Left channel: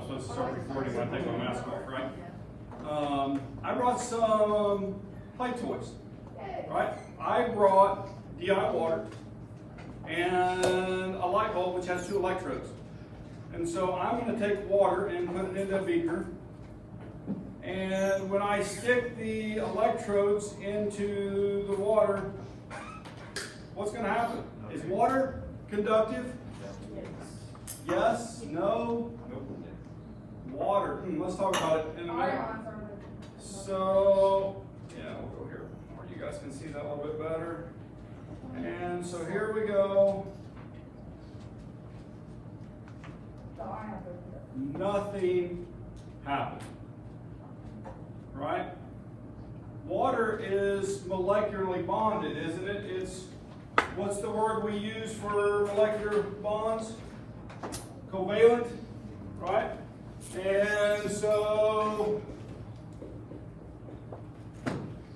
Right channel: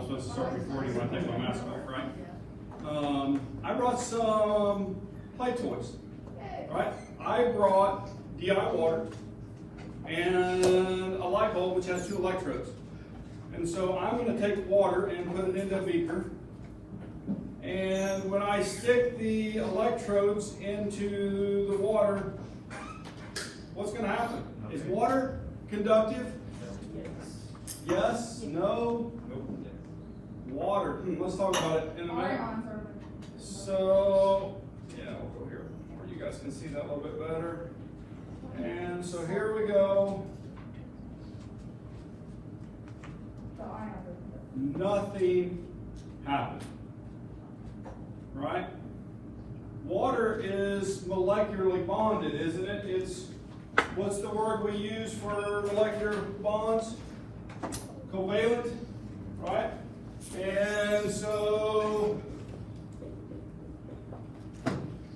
I'm supposed to start recording when I take my mask off, right? I brought some play toys, right? I brought DI water and a light bulb which has 2 electrodes. And so I'm going to take water and put it into a beaker. And when I stick the electrodes into the water, what's going to happen? Is water conductive? Yes? No? Nope. Water. Let's talk about it in a minute. So, yeah, we'll go here where you guys can see that a little bit better. And so here we go. Nothing happened. Right? Water is molecularly bonded, isn't it? It's, what's the word we use for molecular bonds? Covalent, right? And so,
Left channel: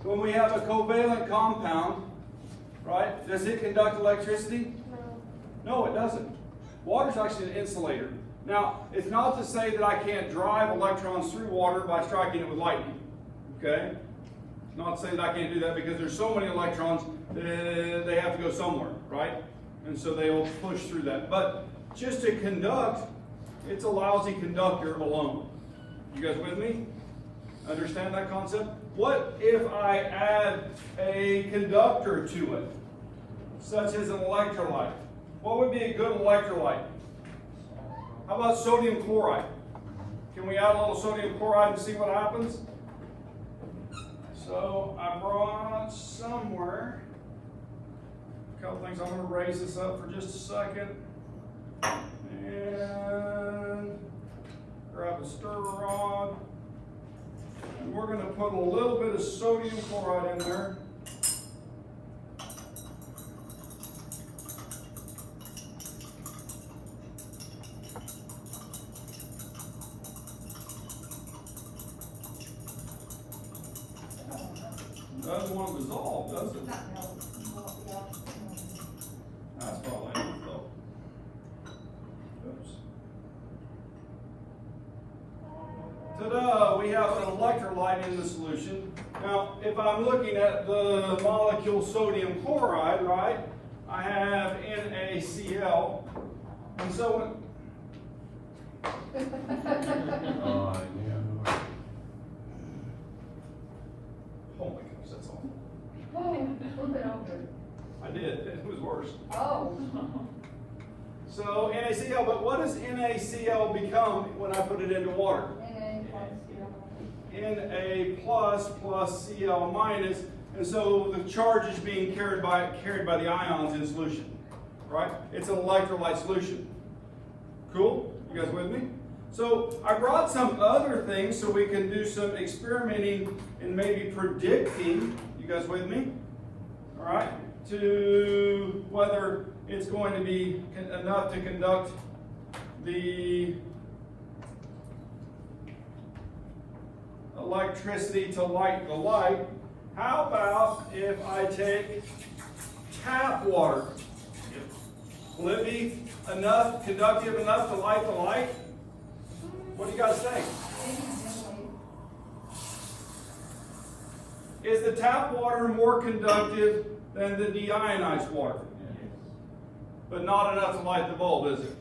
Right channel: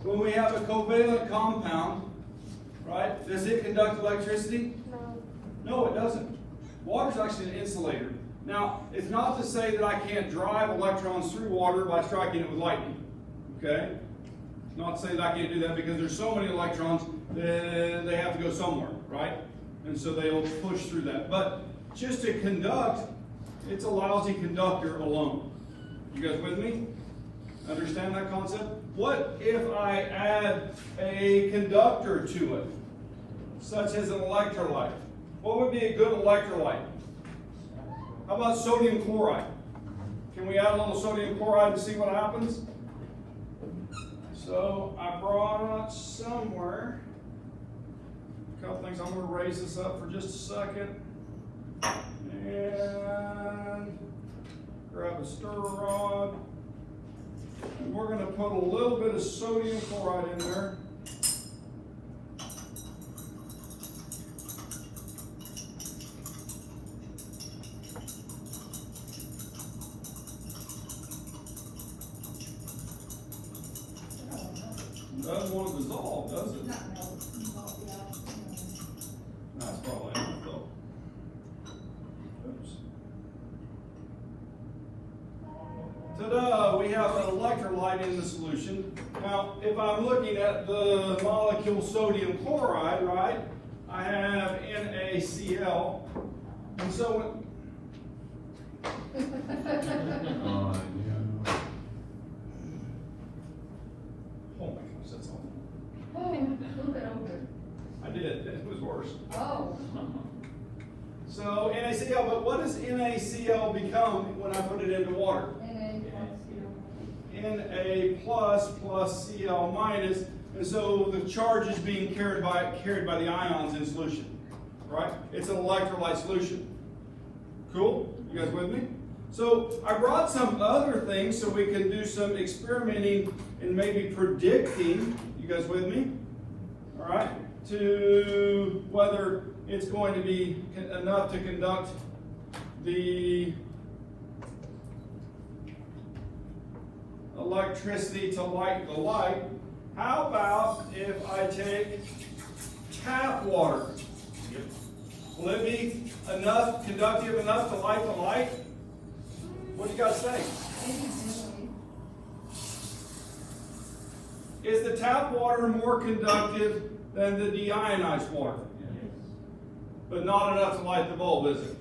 when we have a covalent compound, right, does it conduct electricity? No, it doesn't. Water's actually an insulator. Now, it's not to say that I can't drive electrons through water by striking it with lightning. Okay? Not to say that I can't do that because there's so many electrons that they have to go somewhere, right? And so they'll push through that. But just to conduct, it's a lousy conductor alone. You guys with me? Understand that concept? What if I add a conductor to it, such as an electrolyte? What would be a good electrolyte? How about sodium chloride? Can we add a little sodium chloride and see what happens? So I brought somewhere a couple things. I'm going to raise this up for just a second. And grab a stir rod. And we're going to put a little bit of sodium chloride in there. Doesn't want to dissolve, does it? That's probably enough though. Oops. Ta-da! We have an electrolyte in the solution. Now, if I'm looking at the molecule sodium chloride, right, I have NaCl. And so oh my gosh, that's awful. Oh, flip it over. I did. It was worse. Oh. So NaCl, but what does NaCl become when I put it into water? Na plus Cl minus, and so the charge is being carried by the ions in solution, right? It's an electrolyte solution. Cool? You guys with me? So I brought some other things so we can do some experimenting and maybe predicting, you guys with me? All right, to whether it's going to be enough to conduct the electricity to light the light. How about if I take tap water? Will it be enough, conductive enough to light the light? What do you guys say? Is the tap water more conductive than the deionized water? But not enough to light the bulb, is it?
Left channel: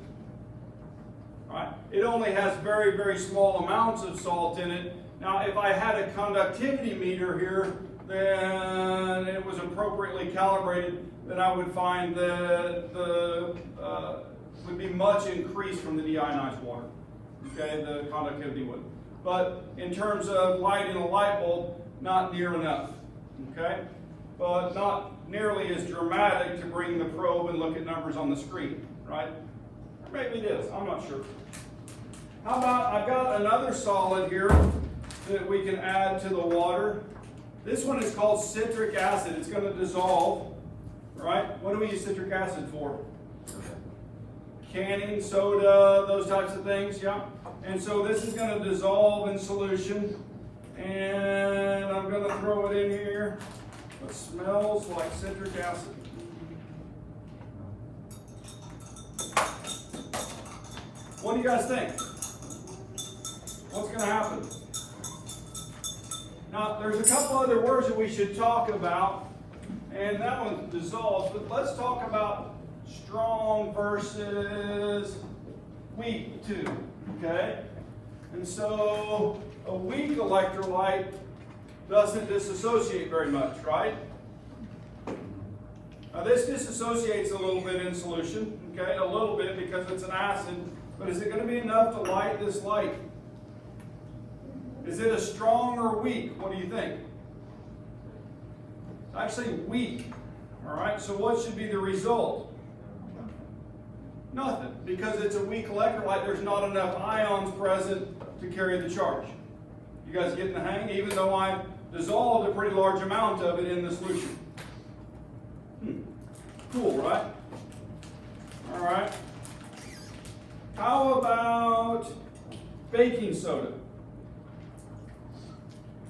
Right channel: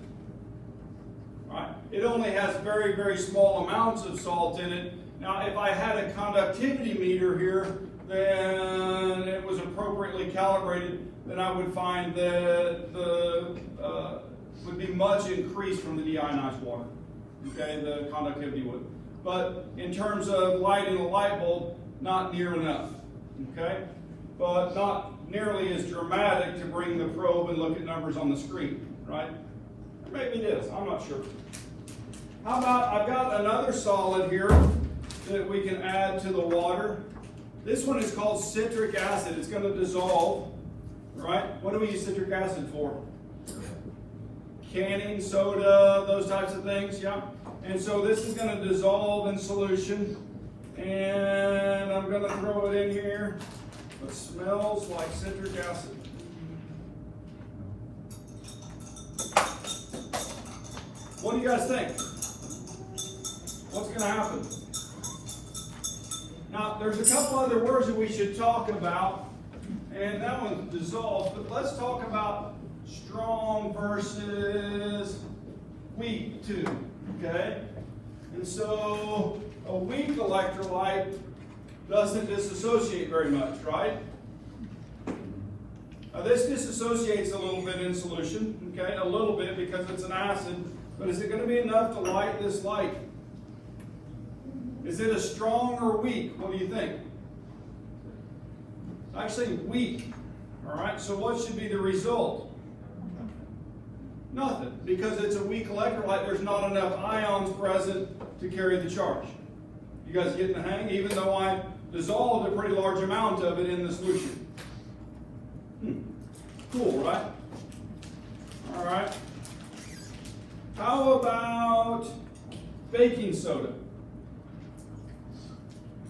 Right? It only has very, very small amounts of salt in it. Now, if I had a conductivity meter here, then it was appropriately calibrated, then I would find that would be much increased from the deionized water. Okay, the conductivity would. But in terms of lighting a light bulb, not near enough. Okay, but not nearly as dramatic to bring the probe and look at numbers on the screen, right? Or maybe it is. I'm not sure. How about I've got another solid here that we can add to the water. This one is called citric acid. It's going to dissolve, right? What do we use citric acid for? Canning, soda, those types of things, yeah? And so this is going to dissolve in solution. And I'm going to throw it in here. It smells like citric acid. What do you guys think? what's going to happen? Now, there's a couple other words that we should talk about, and that one dissolves, but let's talk about strong versus weak too, okay? And so, a weak electrolyte doesn't disassociate very much, right? Now this disassociates a little bit in solution, okay? A little bit because it's an acid, but is it going to be enough to light this light? Is it a strong or weak? What do you think? It's actually weak, all right? So what should be the result? Nothing, because it's a weak electrolyte. There's not enough ions present to carry the charge. You guys getting the hang? Even though I dissolved a pretty large amount of it in the solution. Cool, right? All right. How about baking soda?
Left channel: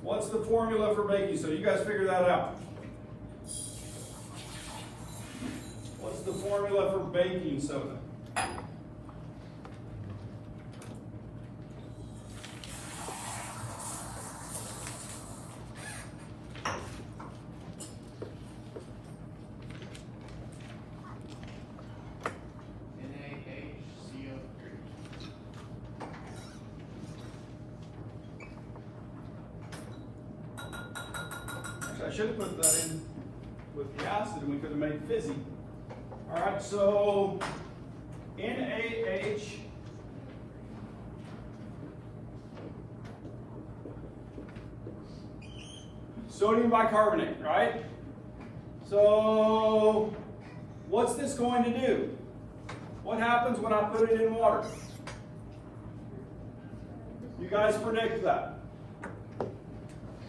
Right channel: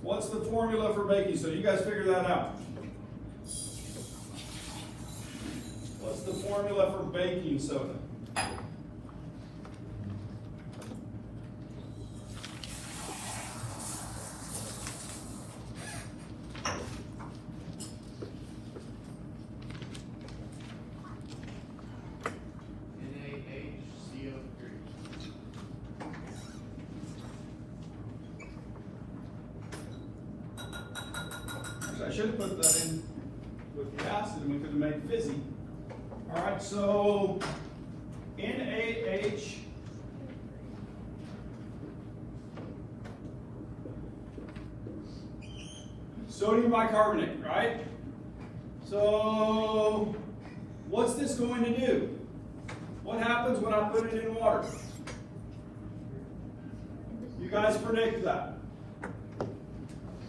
What's the formula for baking soda? You guys figure that out. What's the formula for baking soda? I should have put that in with the acid and we could have made it fizzy. All right, so NaH sodium bicarbonate, right? So what's this going to do? What happens when I put it in water? You guys predict that.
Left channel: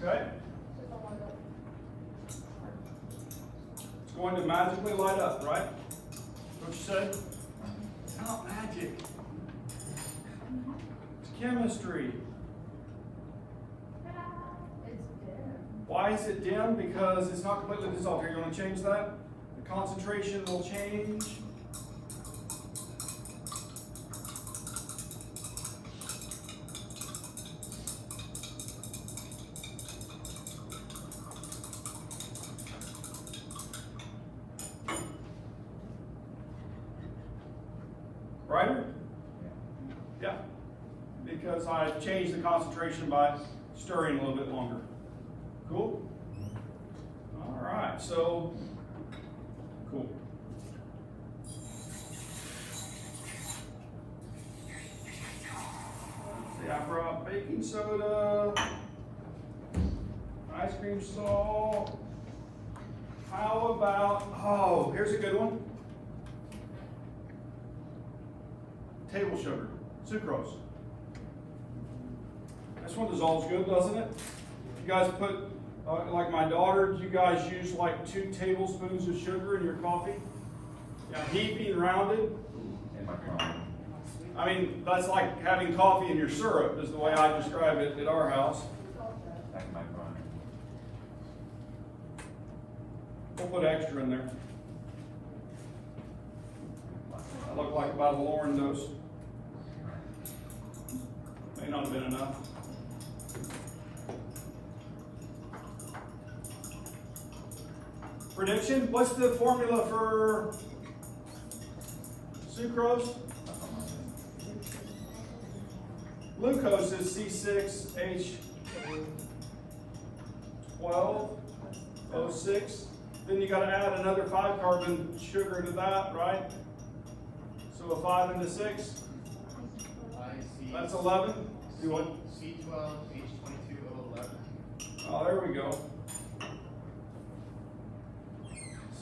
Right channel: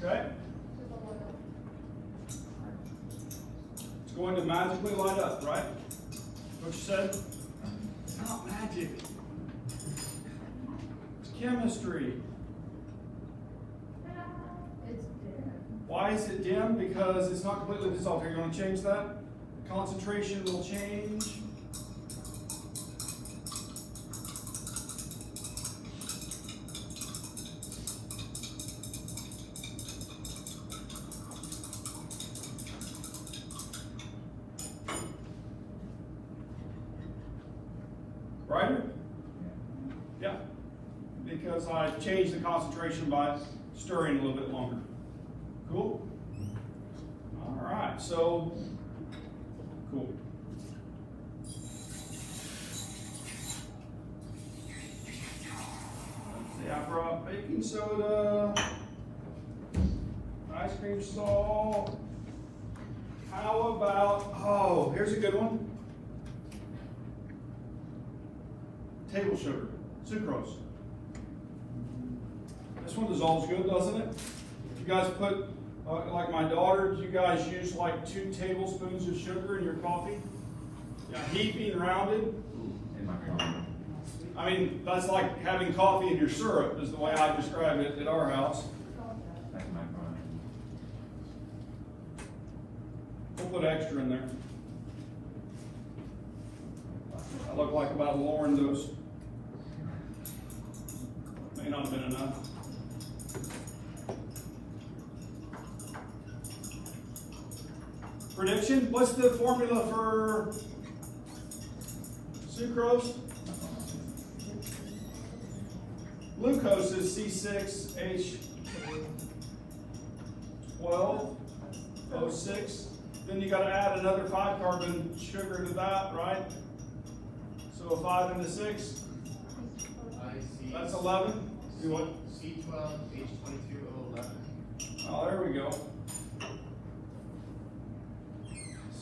Okay? It's going to magically light up, right? What you said? It's not magic. It's chemistry. It's dim. Why is it dim? Because it's not completely dissolved. Are you going to change that? The concentration will change. Right? Yeah. Because I changed the concentration by stirring a little bit longer. Cool? All right, so, cool. See, I brought baking soda, ice cream salt. How about, oh, here's a good one. Table sugar, sucrose. This one dissolves good, doesn't it? You guys put, like my daughter, you guys use like 2 tablespoons of sugar in your coffee? Yeah, heaping rounded. I mean, that's like having coffee in your syrup, is the way I describe it at our house. We'll put extra in there. That looked like about a Lauren dose. May not have been enough. Prediction? What's the formula for sucrose? Glucose is C6H12O6. Then you got to add another 5-carbon sugar to that, right? So a 5 into 6. That's 11. Do what? C12H22O11. Oh, there we go.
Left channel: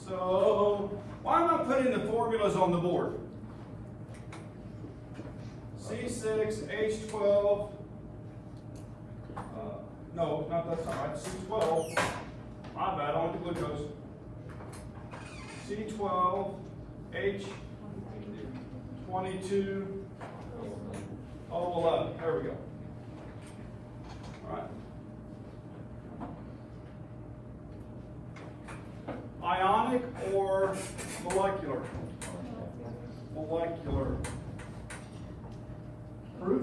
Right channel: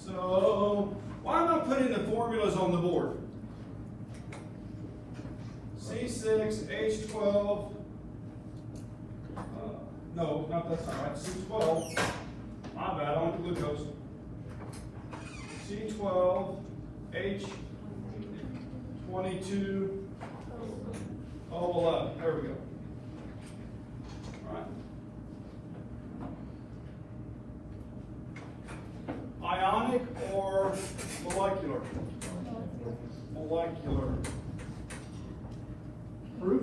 So, why am I putting the formulas on the board? C6H12. No, not that's not right. C12. My bad. I want glucose. C12H22O11. There we go. All right. Ionic or molecular? Molecular. Proof?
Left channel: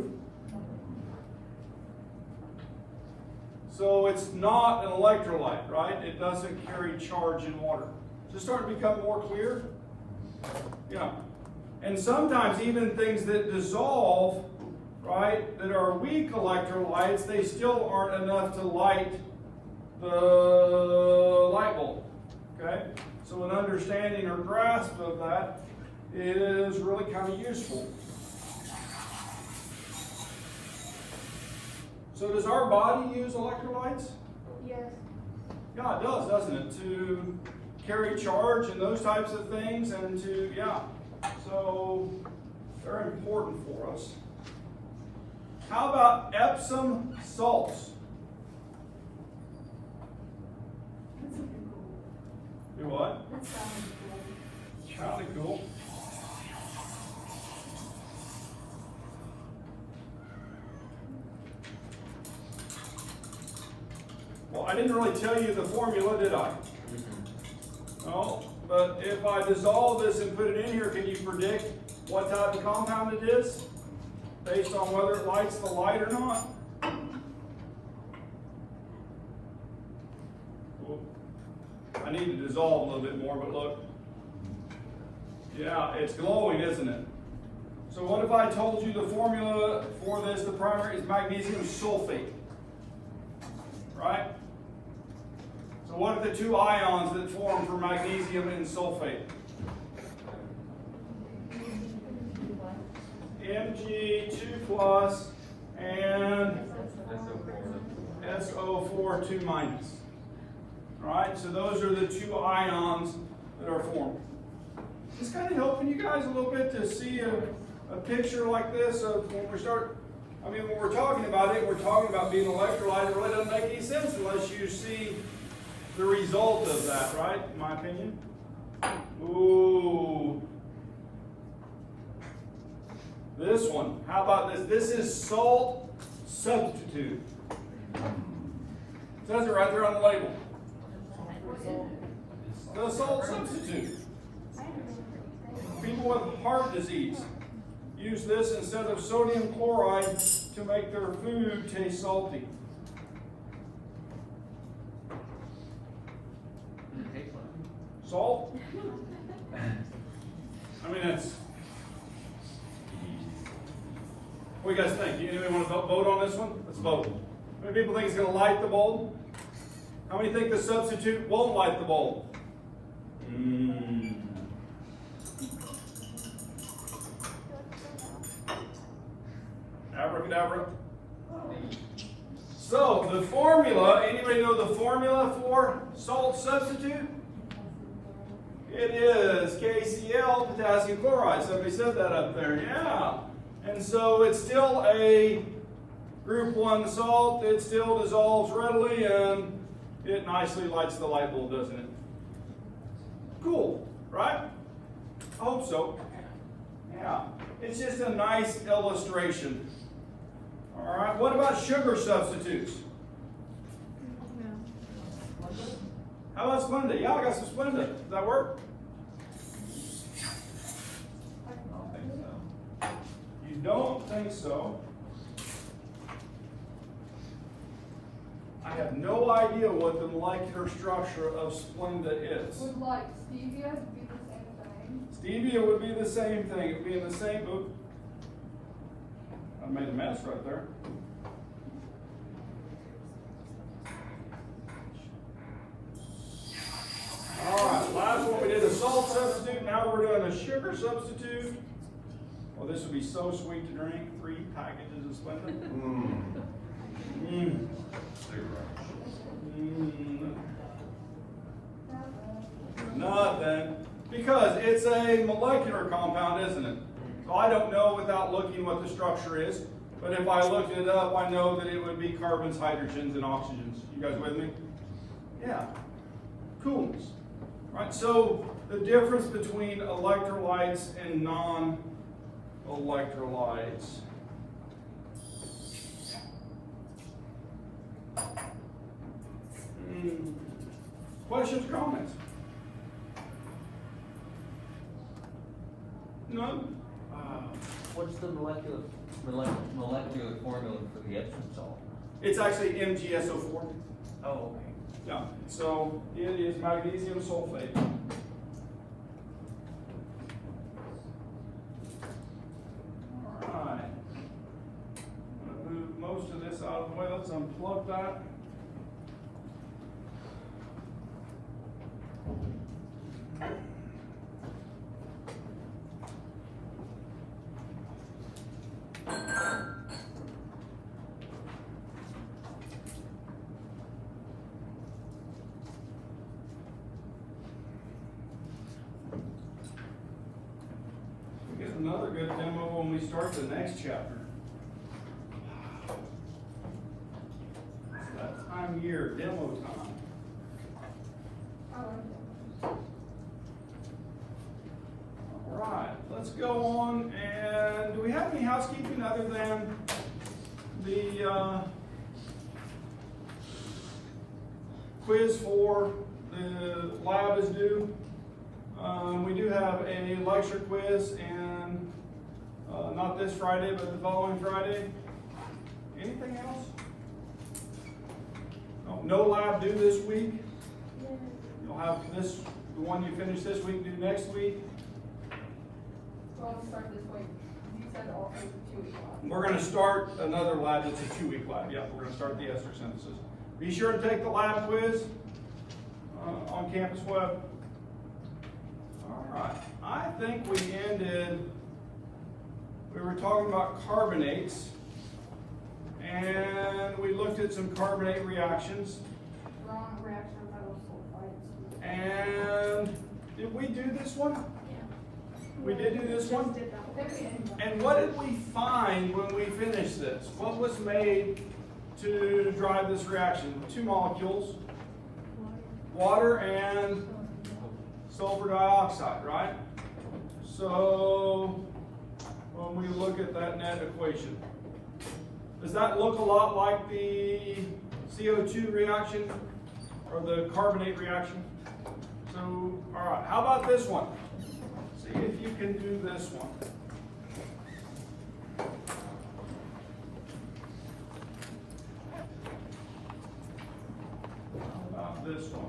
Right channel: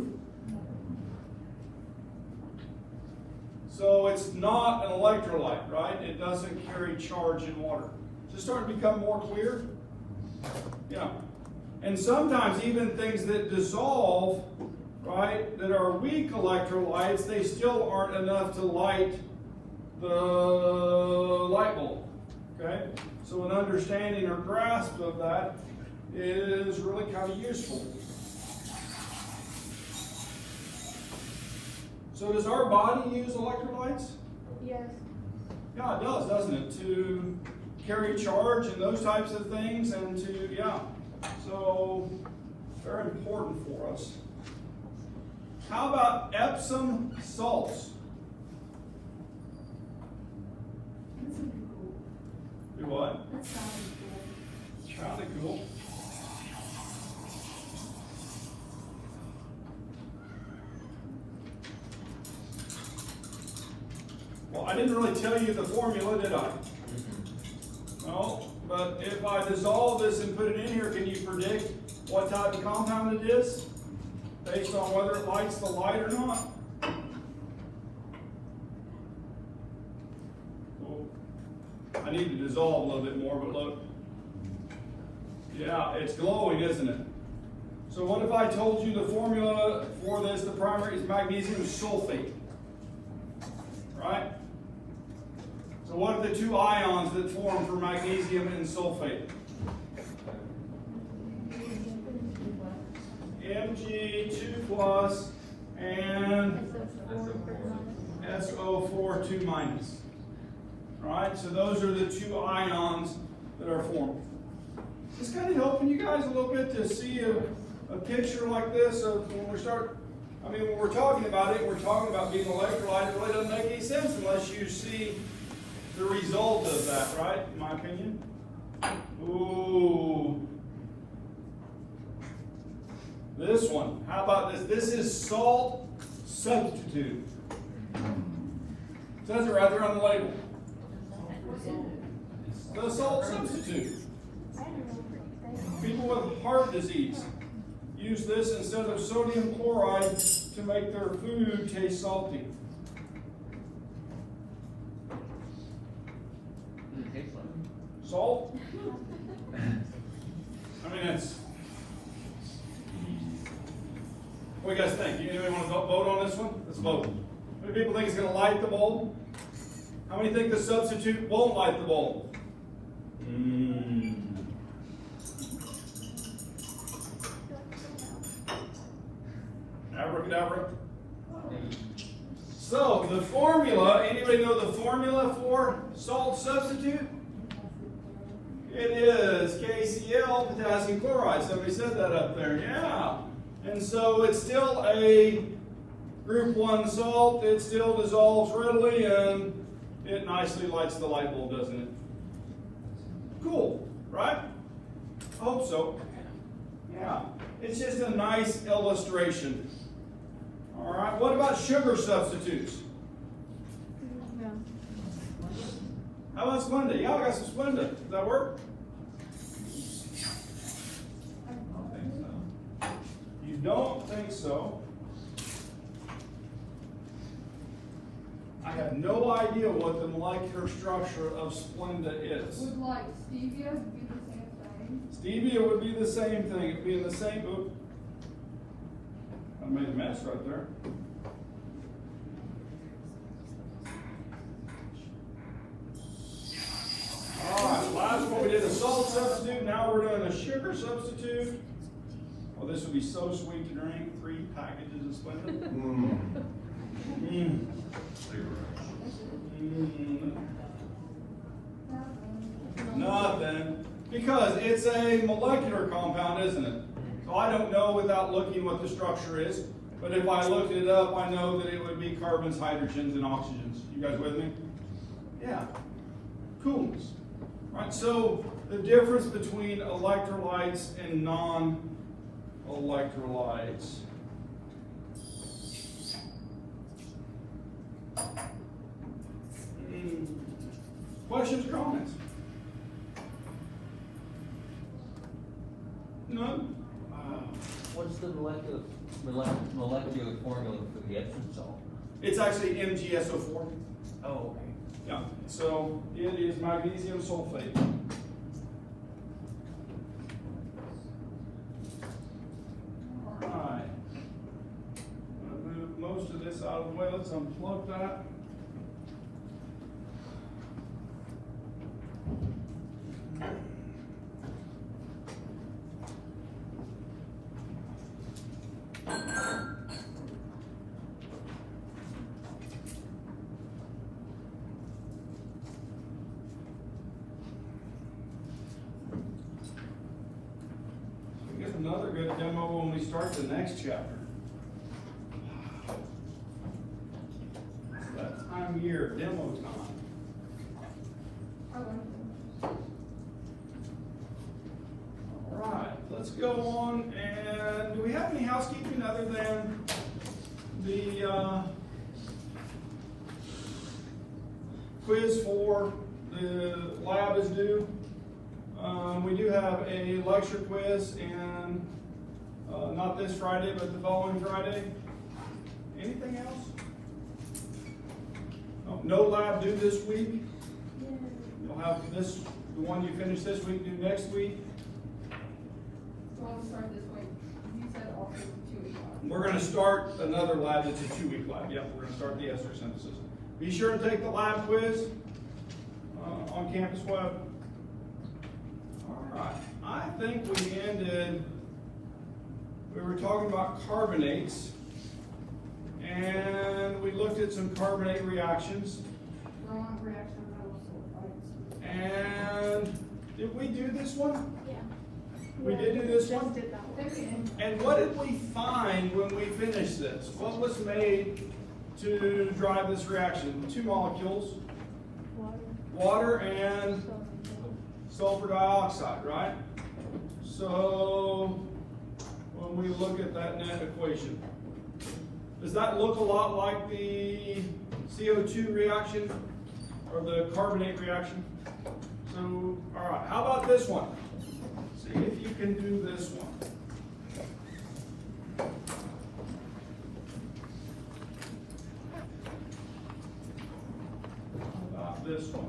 So it's not an electrolyte, right? It doesn't carry charge in water. Is this starting to become more clear? Yeah. And sometimes even things that dissolve, right, that are weak electrolytes, they still aren't enough to light the light bulb, okay? So an understanding or grasp of that is really kind of useful. So does our body use electrolytes? Yes. Yeah, it does, doesn't it? To carry charge and those types of things, and to, yeah. So, very important for us. How about Epsom salts? Do what? That sounds cool. Sounded cool. Well, I didn't really tell you the formula, did I? No, but if I dissolve this and put it in here, can you predict what type of compound it is? Based on whether it lights the light or not? I need to dissolve a little bit more, but look. Yeah, it's glowing, isn't it? So what if I told you the formula for this, the primary is magnesium sulfate? Right? So what are the two ions that form for magnesium and sulfate? Mg2 plus and SO4 2 minus. Alright, so those are the two ions that are formed. It's kind of helping you guys a little bit to see a picture like this of when we start, I mean, when we're talking about it, we're talking about being an electrolyte. It really doesn't make any sense unless you see the result of that, right? In my opinion. Ooh. This one. How about this? This is salt substitute. It says it right there on the label. The salt substitute. People with heart disease use this instead of sodium chloride to make their food taste salty. Salt? I mean, that's. What do you guys think? Anybody want to vote on this one? Let's vote. How many people think it's going to light the bulb? How many think the substitute won't light the bulb? Abracadabra. So, the formula, anybody know the formula for salt substitute? It is KCl, potassium chloride. Somebody said that up there, yeah. And so it's still a group 1 salt. It still dissolves readily, and it nicely lights the light bulb, doesn't it? Cool, right? I hope so. Yeah, it's just a nice illustration. All right, what about sugar substitutes? How about Splenda? Yeah, I got some Splenda. Does that work? You don't think so? I have no idea what the molecular structure of Splenda is. Would like stevia be the same thing? Stevia would be the same thing. It'd be in the same book. I made a mess right there. Alright, last one we did a salt substitute. Now we're doing a sugar substitute. Well, this would be so sweet to drink. 3 packages of Splenda. Nothing. Because it's a molecular compound, isn't it? So I don't know without looking what the structure is. But if I looked it up, I know that it would be carbons, hydrogens, and oxygens. You guys with me? Yeah. Coolness. Right, so the difference between electrolytes and non-electrolytes. Questions, comments? None? What's the molecular formula for the Epsom salt? It's actually MgSO4. Oh, okay. Yeah, so it is magnesium sulfate. Alright. I'm gonna move most of this out of the way. Let's unplug that. We get another good demo when we start the next chapter. It's that time of year, demo time. Alright, let's go on, and do we have any housekeeping other than the quiz for the lab is due? We do have a lecture quiz and not this Friday, but the following Friday. Anything else? Oh, no lab due this week. You'll have this, the one you finish this week due next week. So I'll start this week. You said also 2 weeks. We're gonna start another lab, it's a 2-week lab. Yep, we're gonna start the ester synthesis. Be sure to take the lab quiz on Campus Web. Alright, I think we ended, we were talking about carbonates, and we looked at some carbonate reactions. Strong reaction metal sulfides. And did we do this one? Yeah. We did do this one? Okay. And what did we find when we finished this? What was made to drive this reaction? 2 molecules, water and sulfur dioxide, right? So when we look at that net equation, does that look a lot like the CO2 reaction or the carbonate reaction? So, all right, how about this one? See if you can do this one. How about this one?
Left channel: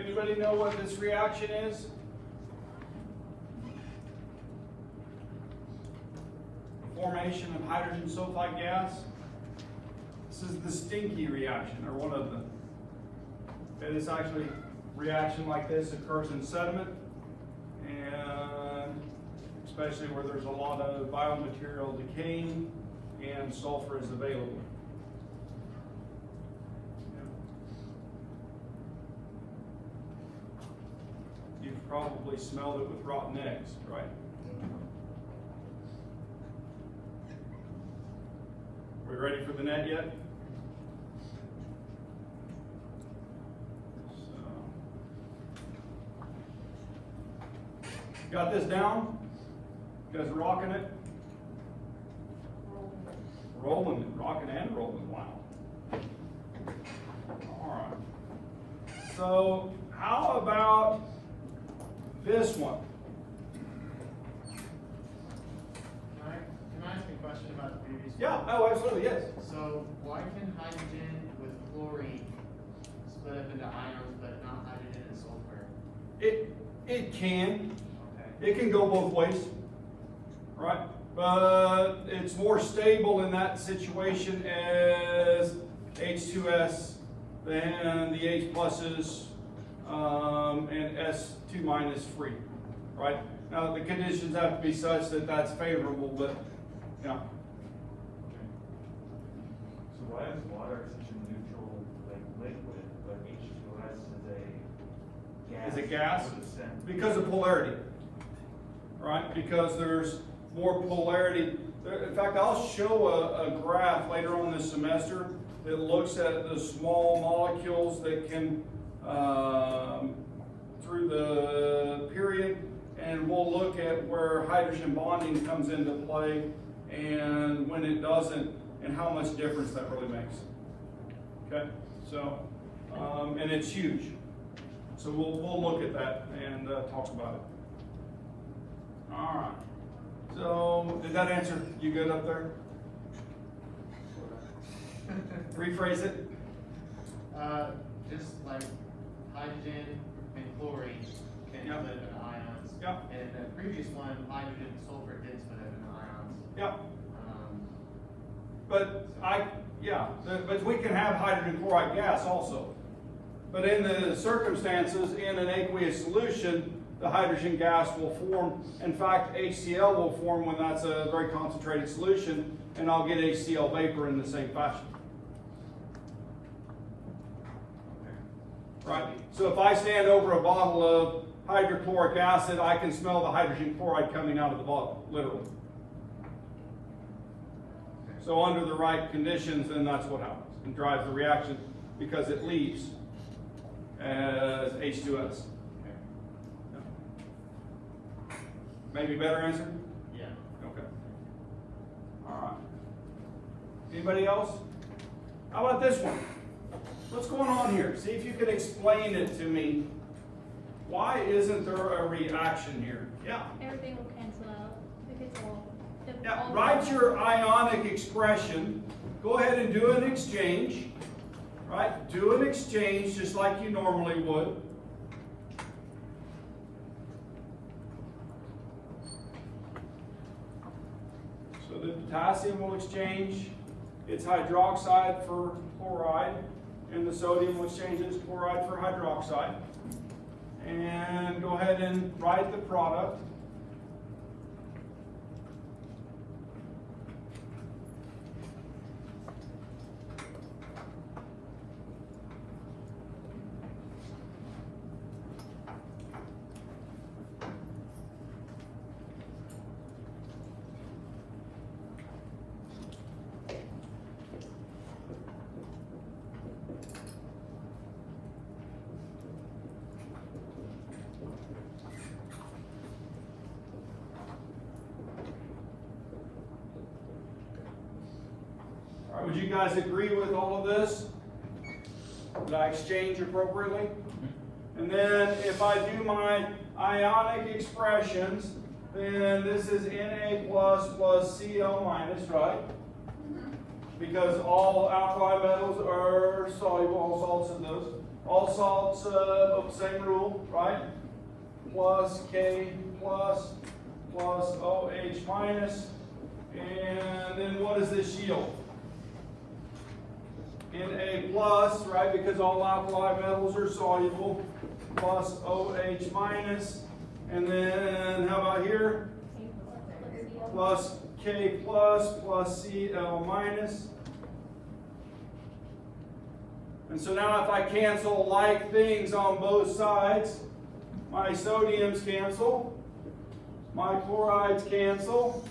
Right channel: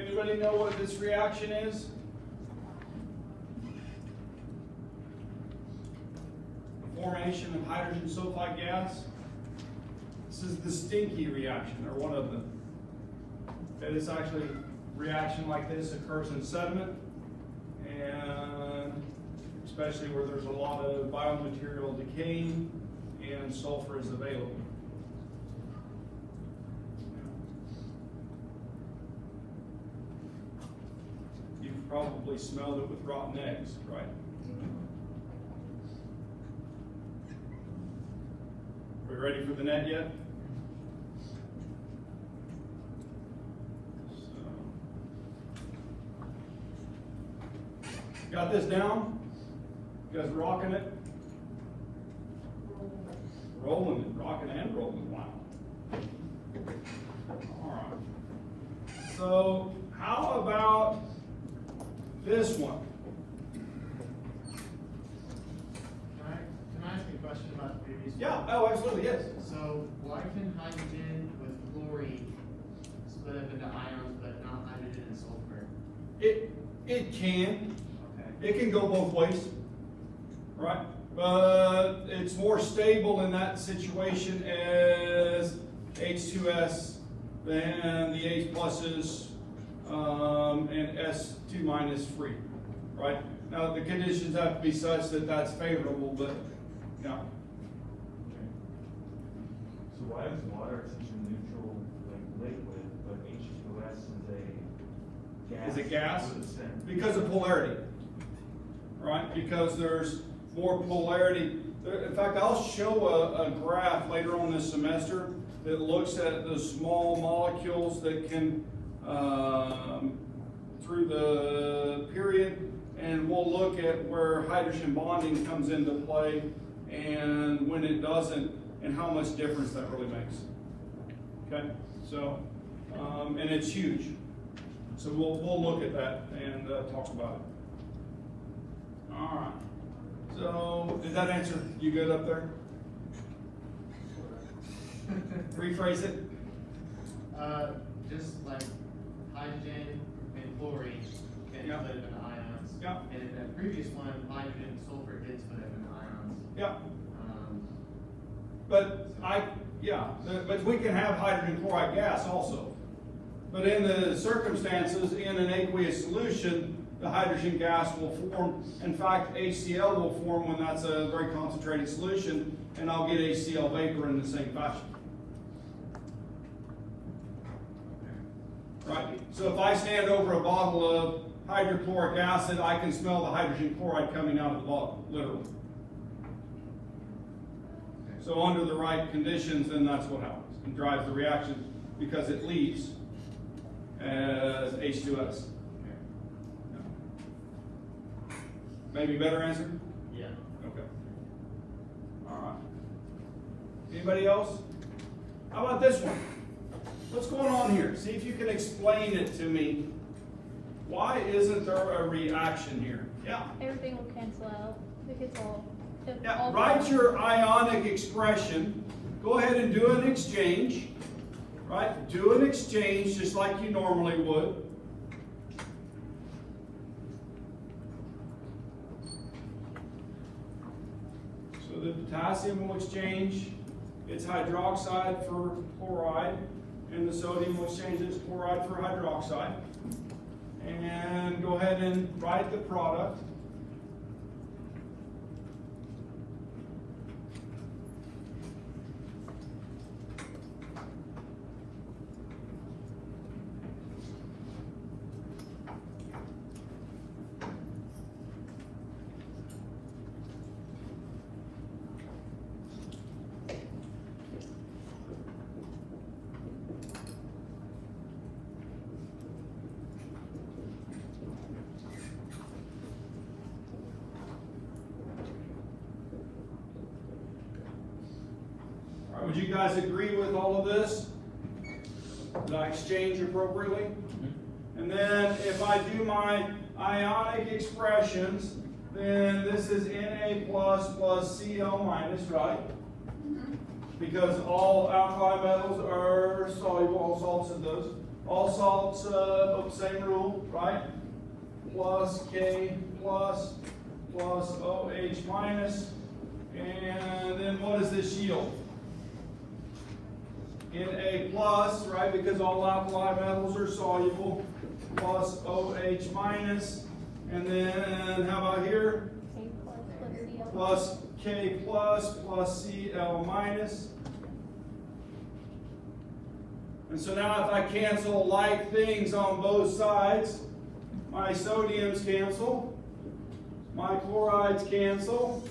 Anybody know what this reaction is? Formation of hydrogen sulfide gas. This is the stinky reaction, or one of them. Okay, this actually, reaction like this occurs in sediment, and especially where there's a lot of biomaterial decaying and sulfur is available. You've probably smelled it with rotten eggs, right? We ready for the net yet? Got this down? You guys rocking it? Rolling, rocking and rolling, wow. So how about this one? Can I ask a question about the previous? Yeah, oh, absolutely, yes. So why can hydrogen with chlorine split up into ions, but not hydrogen and sulfur? It can. Okay. It can go both ways, right? But it's more stable in that situation as H2S than the H pluses and S2 minus free, right? Now the conditions have to be such that that's favorable, but yeah. So why is water such a neutral like liquid, but H2S is a gas? Is it gas? What it's saying? Because of polarity, right? Because there's more polarity. In fact, I'll show a graph later on this semester that looks at the small molecules that can, through the period, and we'll look at where hydrogen bonding comes into play and when it doesn't, and how much difference that really makes. Okay, so, and it's huge. So we'll look at that and talk about it. All right. So did that answer? You good up there? Rephrase it. Just like hydrogen and chlorine can Yeah. split up into ions. Yeah. And in the previous one, hydrogen and sulfur did split up into ions. Yeah. Um, But we can have hydrogen chloride gas also. But in the circumstances, in an aqueous solution, the hydrogen gas will form. In fact, HCl will form when that's a very concentrated solution, and I'll get HCl vapor in the same fashion. Right? So if I stand over a bottle of hydrochloric acid, I can smell the hydrogen chloride coming out of the bottle, literally. So under the right conditions, then that's what happens. It drives the reaction because it leaves as H2S. Maybe better answer? yeah. Okay. All right. Anybody else? How about this one? What's going on here? See if you can explain it to me. Why isn't there a reaction here? Yeah. Everything will cancel out because Yeah, write your ionic expression. Go ahead and do an exchange. Right? Do an exchange just like you normally would. So the potassium will exchange its hydroxide for chloride, and the sodium will exchange its chloride for hydroxide. And go ahead and write the product. Would you guys agree with all of this? Did I exchange appropriately? And then if I do my ionic expressions, then this is Na plus plus Cl minus, right? Because all alkali metals are soluble, all salts in those. All salts, same rule, right? Plus K plus OH minus. And then what does this yield? Na plus, right, because all alkali metals are soluble, plus OH minus, and then how about here? Plus K plus Cl minus. And so now if I cancel like things on both sides, my sodiums cancel, my chlorides cancel,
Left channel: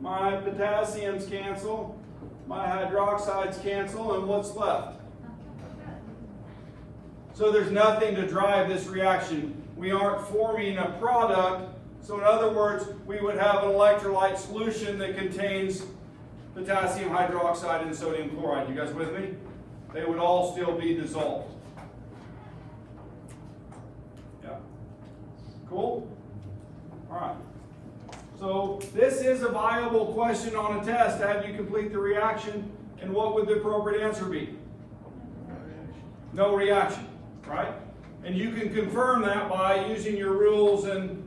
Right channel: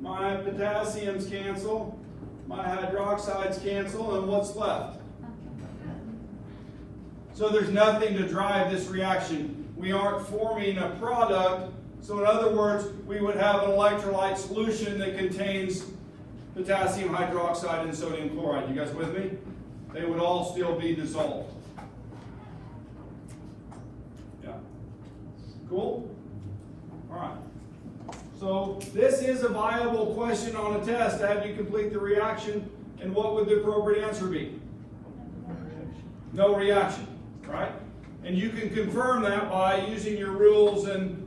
my potassiums cancel, my hydroxides cancel, and what's left? So there's nothing to drive this reaction. We aren't forming a product. So in other words, we would have an electrolyte solution that contains potassium hydroxide and sodium chloride. You guys with me? They would all still be dissolved. Cool? All right. So this is a viable question on a test to have you complete the reaction, and what would the appropriate answer be? No reaction, right? And you can confirm that by using your rules and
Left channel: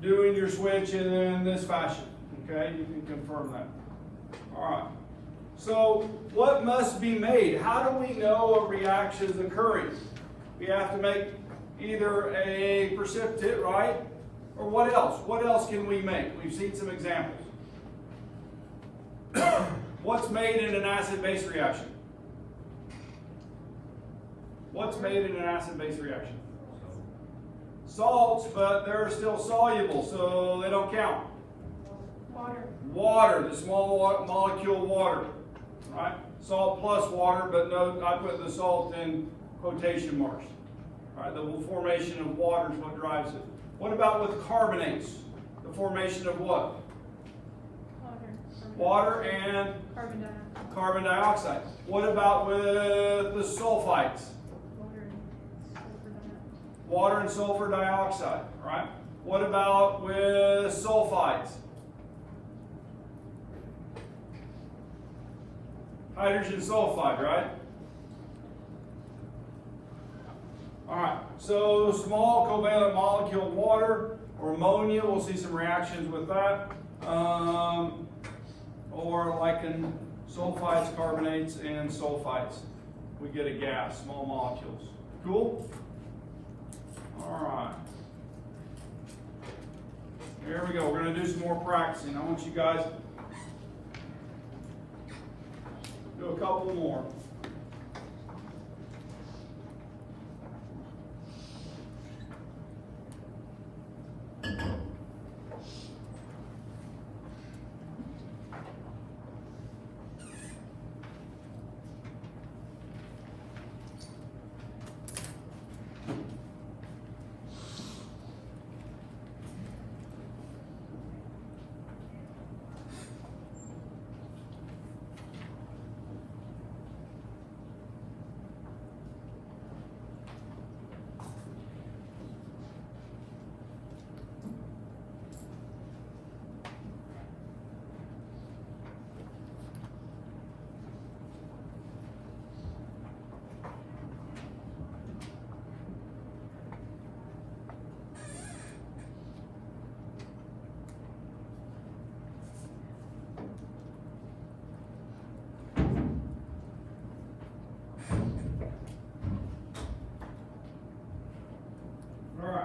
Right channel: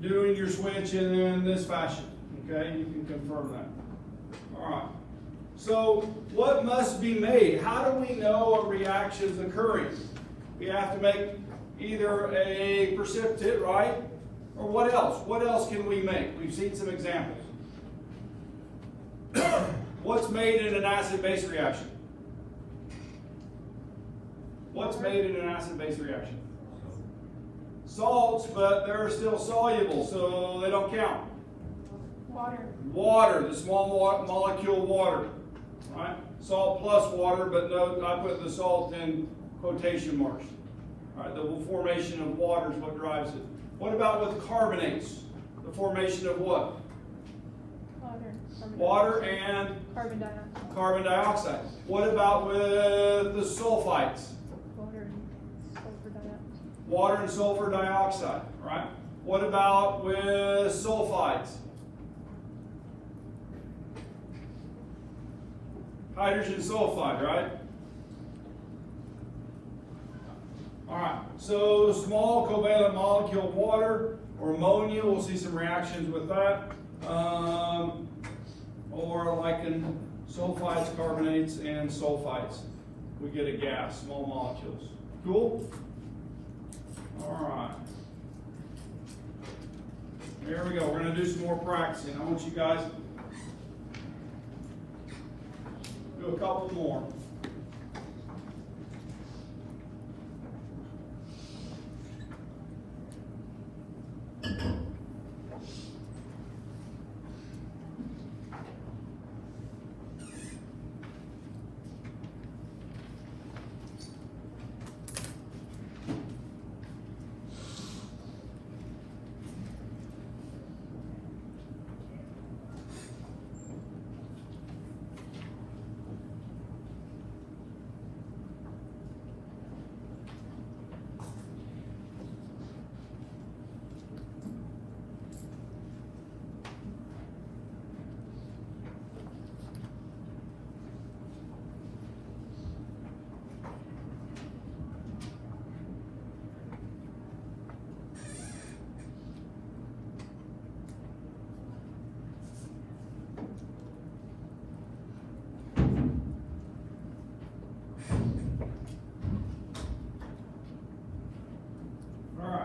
doing your switch in this fashion, okay? You can confirm that. All right. So what must be made? How do we know a reaction is occurring? We have to make either a precipitate, right? Or what else? What else can we make? We've seen some examples. What's made in an acid-base reaction? What's made in an acid-base reaction? Salts, but they're still soluble, so they don't count. Water. Water, the small molecule water, right? Salt plus water, but no, I put the salt in quotation marks. All right, the formation of water is what drives it. What about with carbonates? The formation of what? Water and Carbon dioxide. carbon dioxide. What about with the sulfites? Water and sulfur dioxide, right? What about with sulfides? Hydrogen sulfide, right? All right, so small covalent molecule water or ammonia, we'll see some reactions with that. Or like in sulfides, carbonates, and sulfites, we get a gas, small molecules. Cool? All right. There we go. We're going to do some more practicing. I want you guys to do a couple more.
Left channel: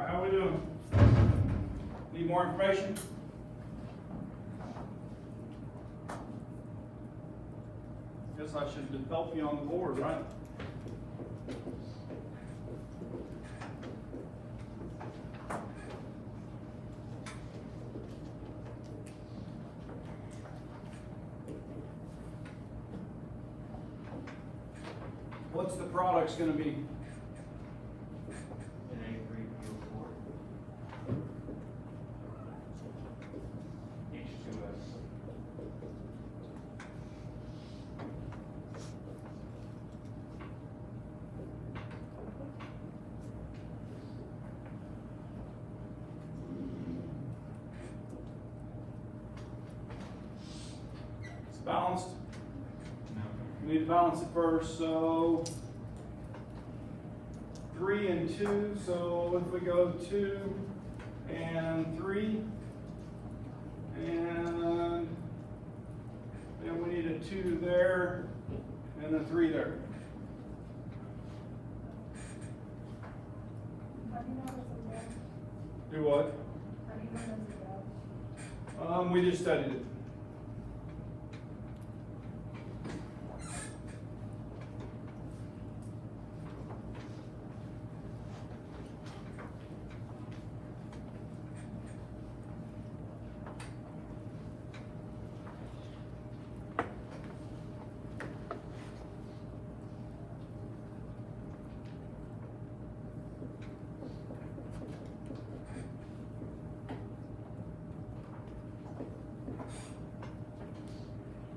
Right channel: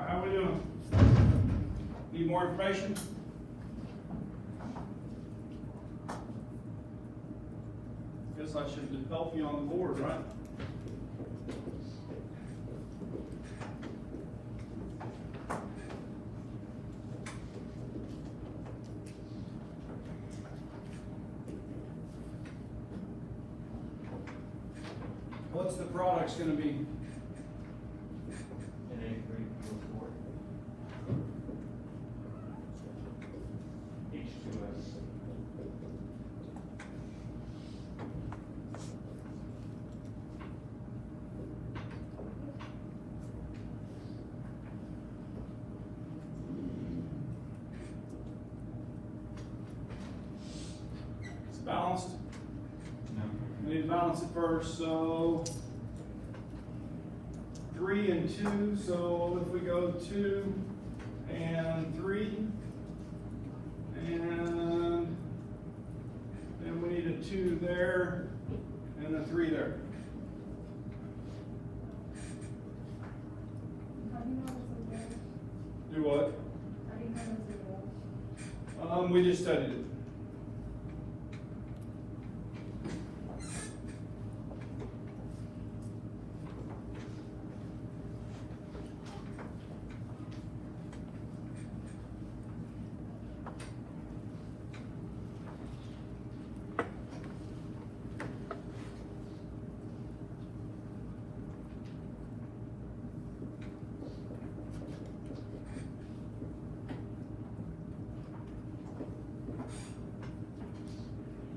How we doing? Need more information? Guess I should help you on the board, right? What's the product's going to be? Balanced? No. We need to balance it first, so 3 and 2, so if we go 2 and 3, and we need a 2 there, and a 3 there. How do you know it's a Do what? How do you know it's a We just studied it.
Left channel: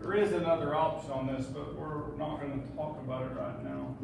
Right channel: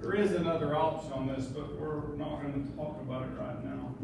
There is another option on this, but we're not going to talk about it right now.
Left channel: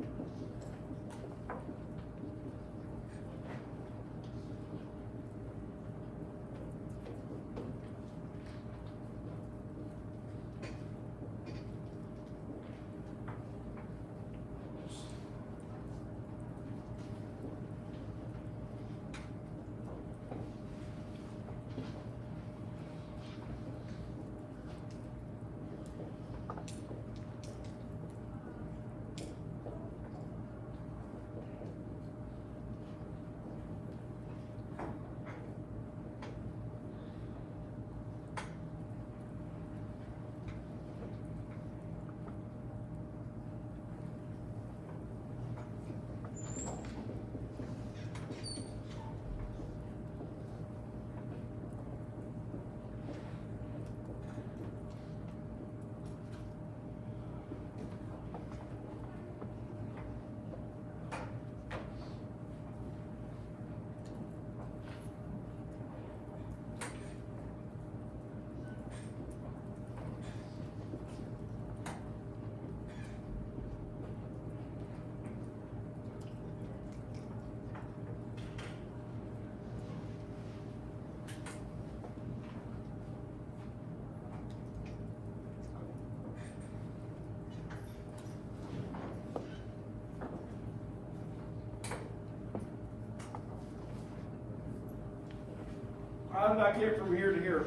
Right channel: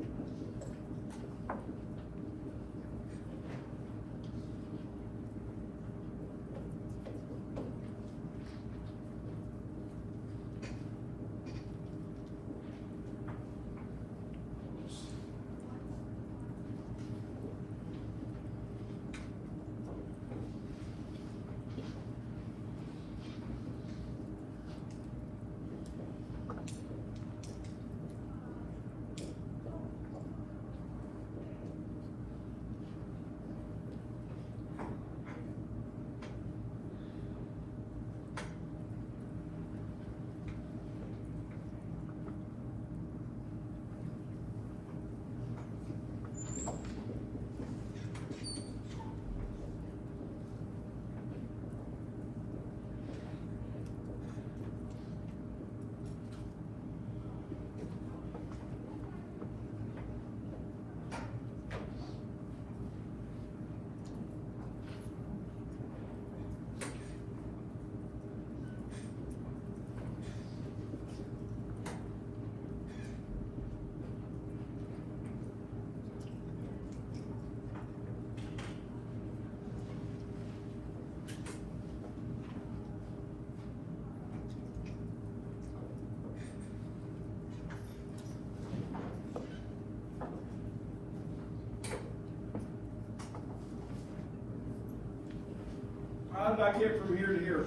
did I get from here to here?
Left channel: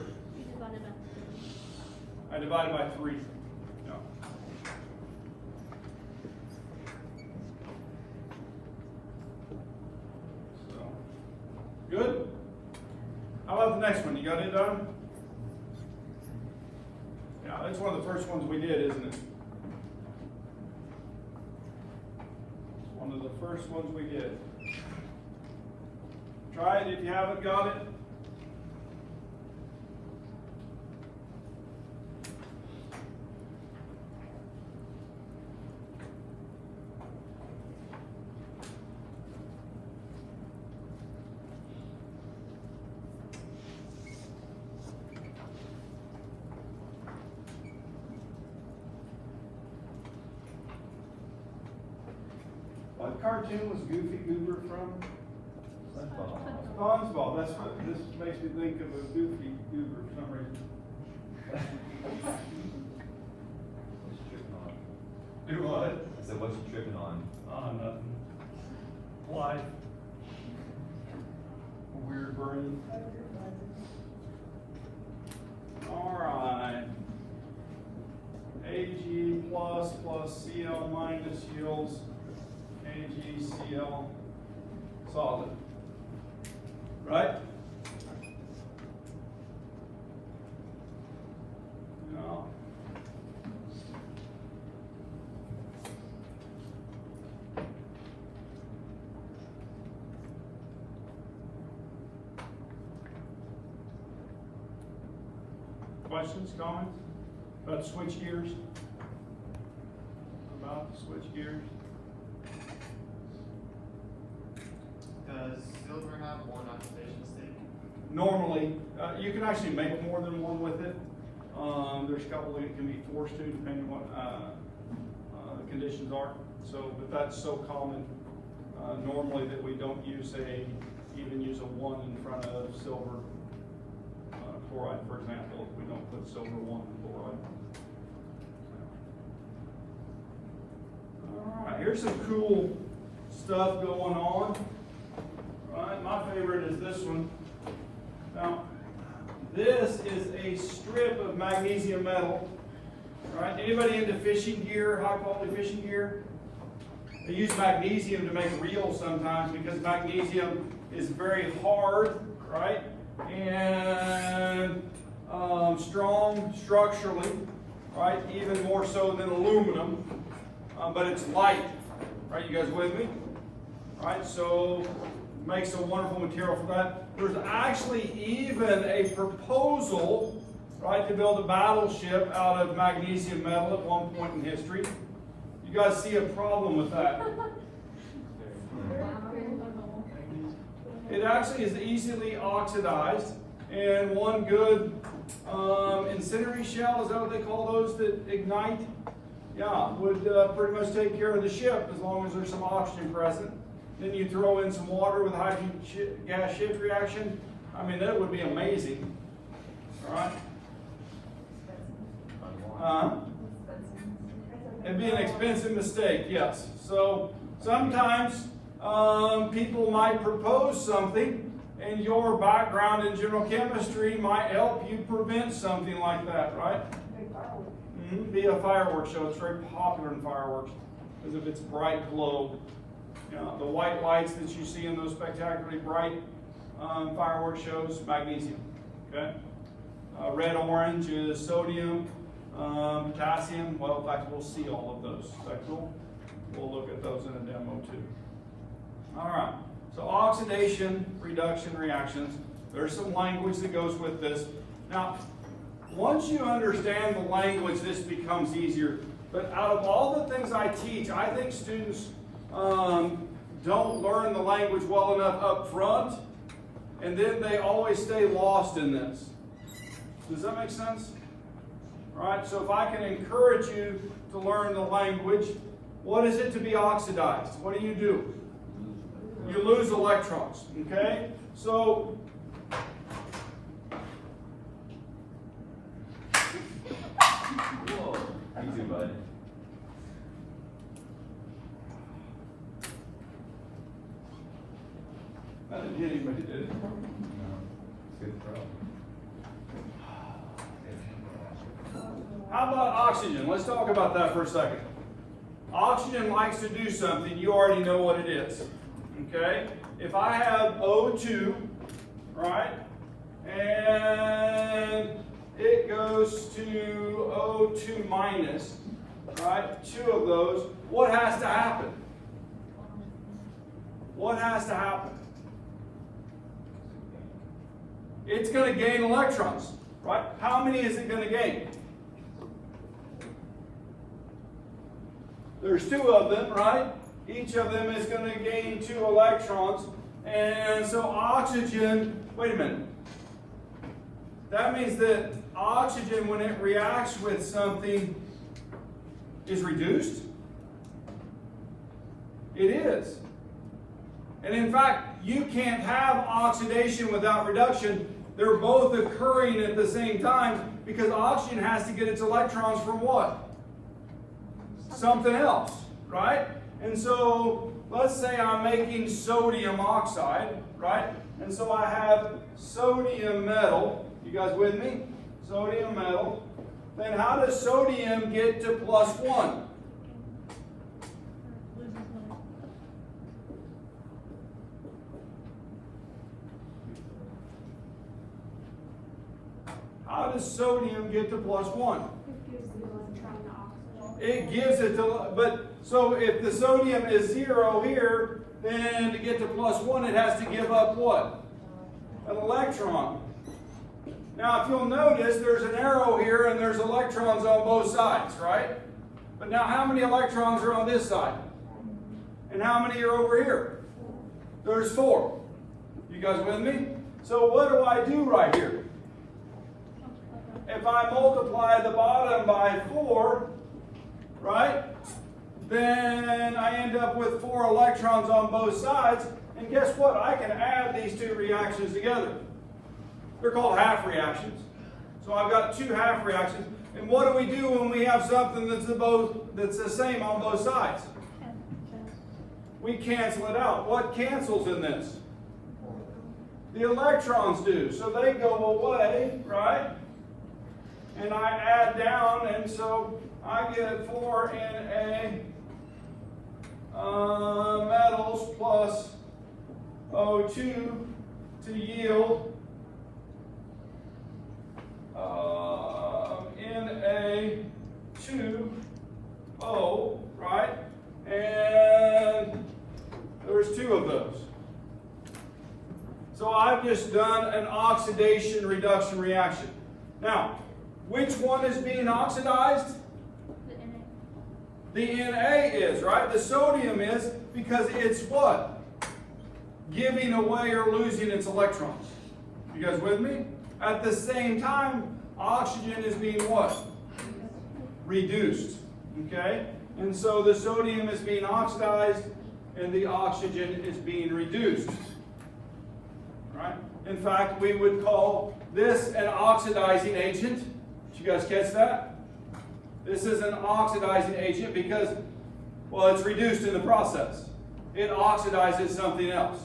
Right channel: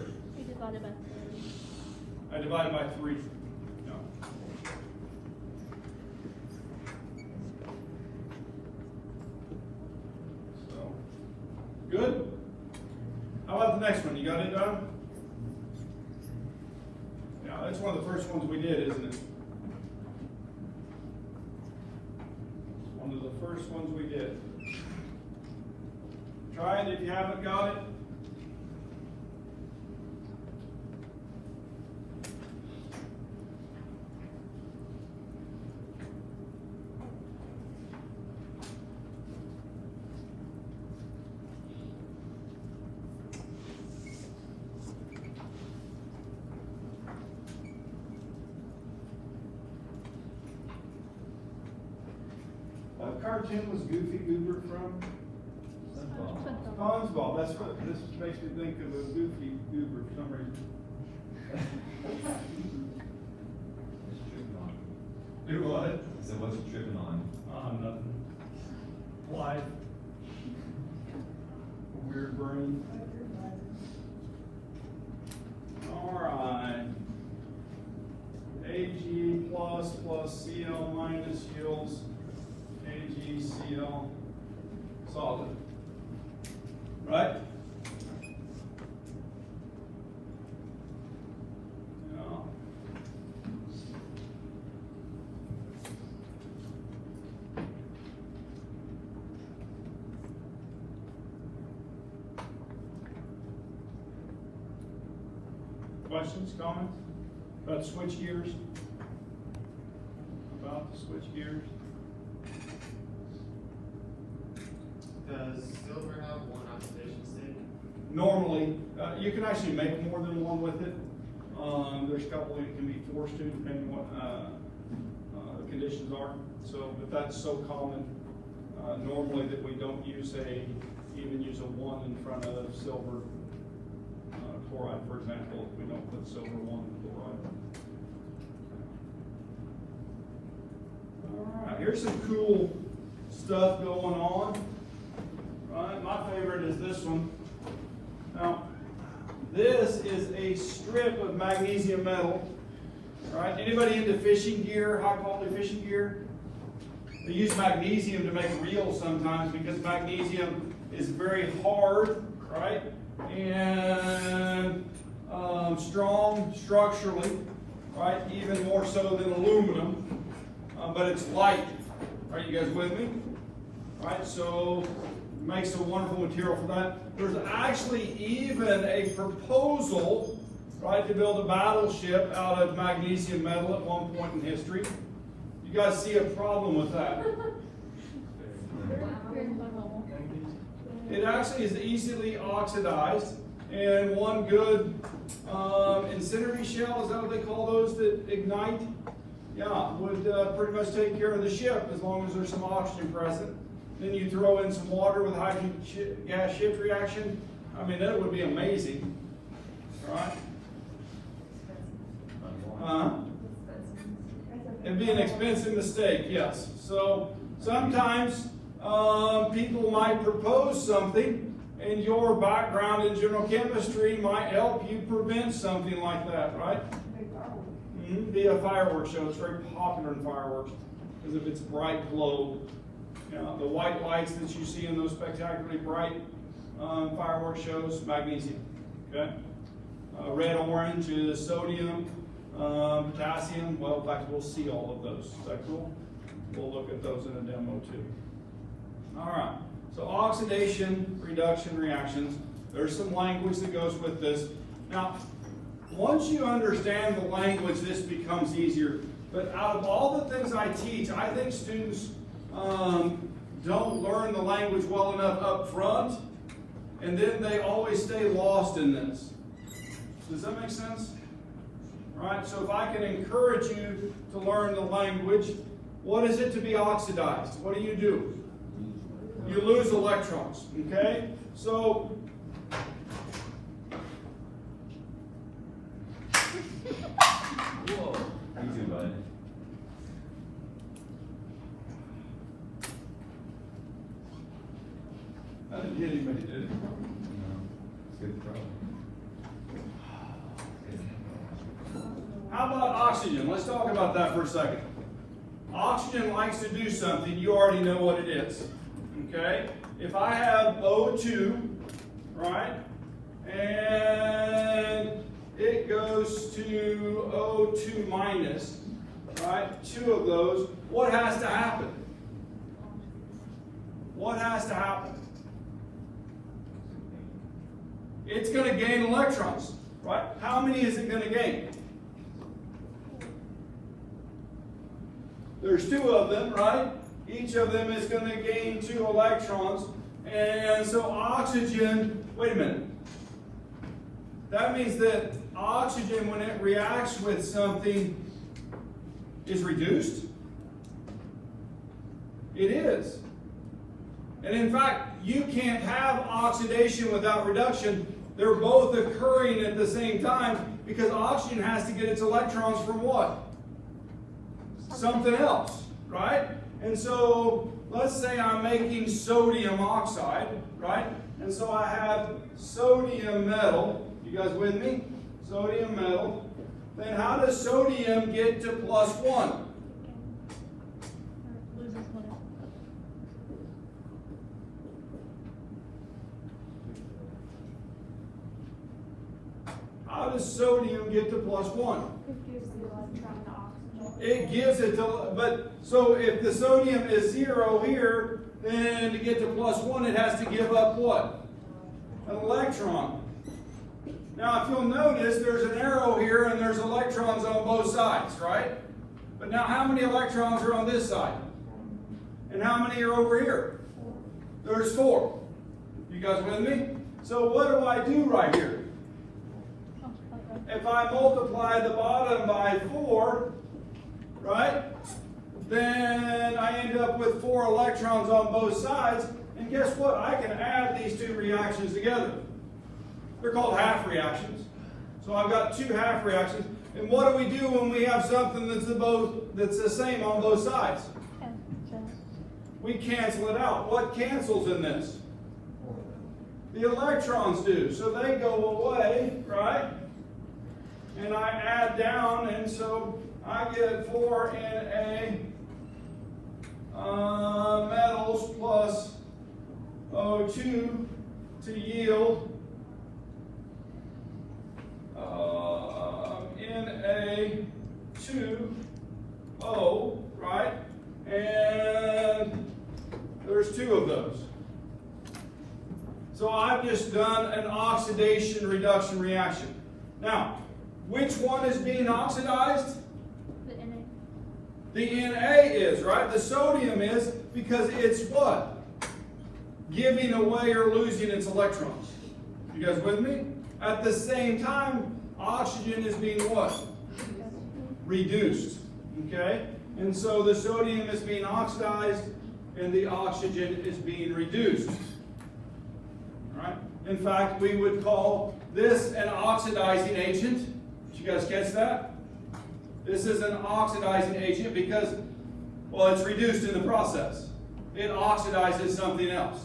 I divided by 3. No. So, good? How about the next one? You got it done? Yeah, that's one of the first ones we did, isn't it? One of the first ones we did. Try it if you haven't got it. What cartoon was Goofy Goober from? SpongeBob. That's what this makes me think of a Goofy Goober for some reason. Do what? So what's you tripping on? Nothing. Life. A weird brain. Alright. Ag plus Cl minus yields AgCl solid. Right? No. Questions, comments? About switch gears? About switch gears? Does silver have one efficiency? Normally, you can actually make more than one with it. There's a couple that can be forced to, depending on what the conditions are. So, but that's so common normally that we don't use even use a 1 in front of silver chloride, for example. We don't put silver 1 in chloride. All right, here's some cool stuff going on. Right, my favorite is this one. Now, this is a strip of magnesium metal. Right? Anybody into fishing gear, high quality fishing gear? They use magnesium to make reels sometimes because magnesium is very hard, right? And strong structurally, right? Even more so than aluminum, but it's light. Right? You guys with me? Right? So makes a wonderful material for that. There's actually even a proposal, right, to build a battleship out of magnesium metal at one point in history. You guys see a problem with that? It actually is easily oxidized, and one good incendiary shell, is that what they call those that ignite? Yeah, would pretty much take care of the ship as long as there's some oxygen present. Then you throw in some water with hydrogen gas shift reaction. I mean, that would be amazing. All right? It'd be an expensive mistake, yes. So sometimes people might propose something, and your background in general chemistry might help you prevent something like that, right? Be a fireworks show. It's very popular in fireworks because of its bright glow. You know, the white lights that you see in those spectacularly bright fireworks shows, magnesium. Okay, red orange is sodium, potassium. Well, in fact, we'll see all of those. Is that cool? We'll look at those in a demo too. All right. So oxidation, reduction reactions. There's some language that goes with this. Now, once you understand the language, this becomes easier. But out of all the things I teach, I think students don't learn the language well enough up front, and then they always stay lost in this. Does that make sense? All right, so if I can encourage you to learn the language, what is it to be oxidized? What do? You lose electrons, okay? So, Whoa. You too, bud. I didn't hit anybody, did it? Good problem. How about oxygen? Let's talk about that for a second. Oxygen likes to do something. You already know what it is. Okay? If I have O2, right, and it goes to O2 minus, right, two of those, what has to happen? What has to happen? It's going to gain electrons, right? How many is it going to gain? There's two of them, right? Each of them is going to gain 2 electrons. And so oxygen, wait a minute. That means that oxygen, when it reacts with something, is reduced? It is. And in fact, you can't have oxidation without reduction. They're both occurring at the same time because oxygen has to get its electrons from what? Something else, right? And so let's say I'm making sodium oxide, right? And so I have sodium metal. You guys with me? Sodium metal. Then how does sodium get to +1? How does sodium get to +1? It gives it to, but so if the sodium is 0 here, then to get to +1, it has to give up what? An electron. Now, if you'll notice, there's an arrow here and there's electrons on both sides, right? But now, how many electrons are on this side? And how many are over here? There's 4. You guys with me? So what do I do right here? If I multiply the bottom by 4, right, then I end up with 4 electrons on both sides. And guess what? I can add these 2 reactions together. They're called half reactions. So I've got 2 half reactions. And what do we do when we have something that's the same on both sides? We cancel it out. What cancels in this? The electrons do. So they go away, right? And I add down, and so I get 4 Na metals plus O2 to yield Na2O, right? And there's 2 of those. So I've just done an oxidation reduction reaction. Now, which one is being oxidized? The Na is, right? The sodium is, because it's what? Giving away or losing its electrons. You guys with me? At the same time, oxygen is being what? Reduced. Okay? And so the sodium is being oxidized and the oxygen is being reduced. All right? In fact, we would call this an oxidizing agent. Did you guys catch that? This is an oxidizing agent because, well, it's reduced in the process. It oxidizes something else.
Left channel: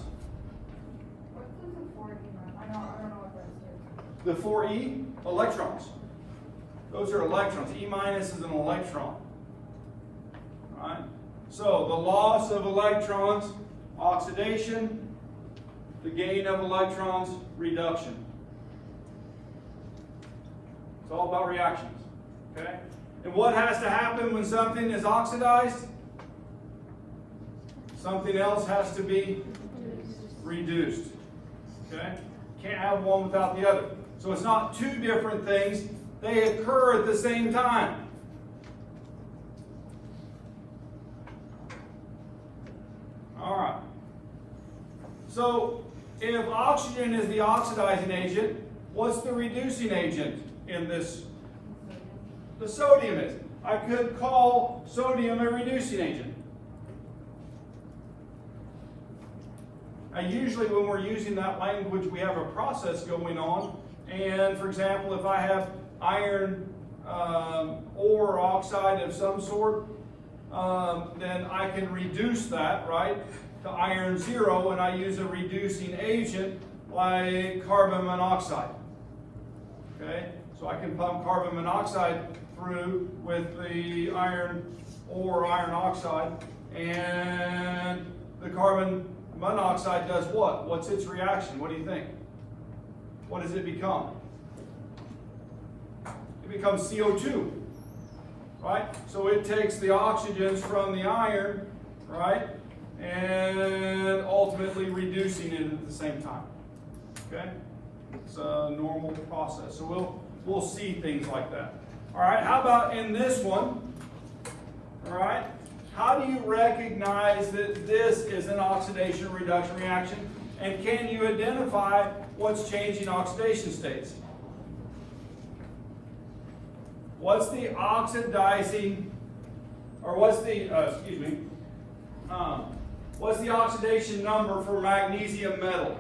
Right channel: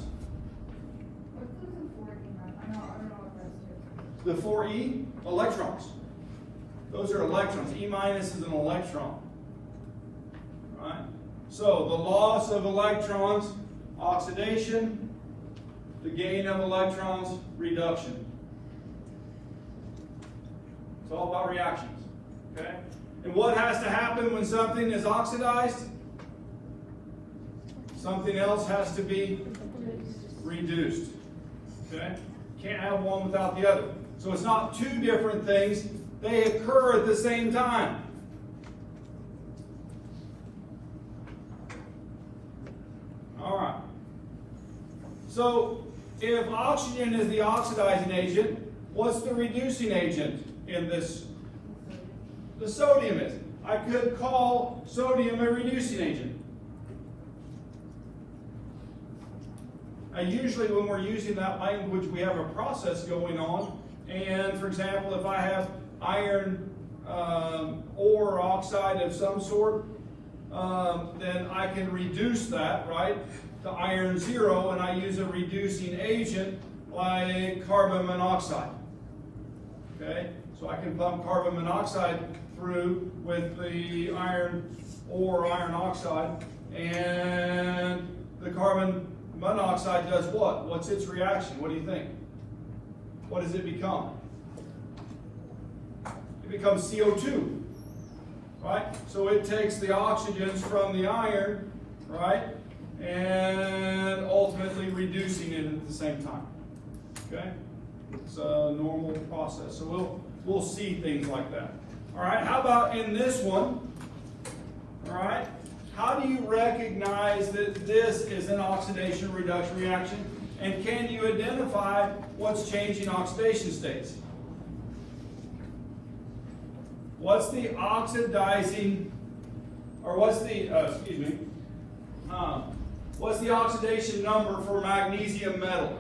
What's the 4E? I don't know what that is. The 4E, electrons. Those are electrons. E minus is an electron. All right? So the loss of electrons, oxidation. The gain of electrons, reduction. It's all about reactions. Okay? And what has to happen when something is oxidized? Something else has to be reduced. Okay? Can't have one without the other. So it's not 2 different things. They occur at the same time. All right. So if oxygen is the oxidizing agent, what's the reducing agent in this? The sodium is. I could call sodium a reducing agent. Usually when we're using that language, we have a process going on. And for example, if I have iron ore oxide of some sort, then I can reduce that, right, to iron 0, and I use a reducing agent like carbon monoxide. Okay, so I can pump carbon monoxide through with the iron or iron oxide, and the carbon monoxide does what? What's its reaction? What do you think? What does it become? It becomes CO2, right? So it takes the oxygens from the iron, right, and ultimately reducing it at the same time. Okay, it's a normal process. So we'll see things like that. All right. How about in this one? All right. How do you recognize that this is an oxidation reduction reaction? And can you identify what's changing oxidation states? What's the oxidizing, or what's the, what's the oxidation number for magnesium metal?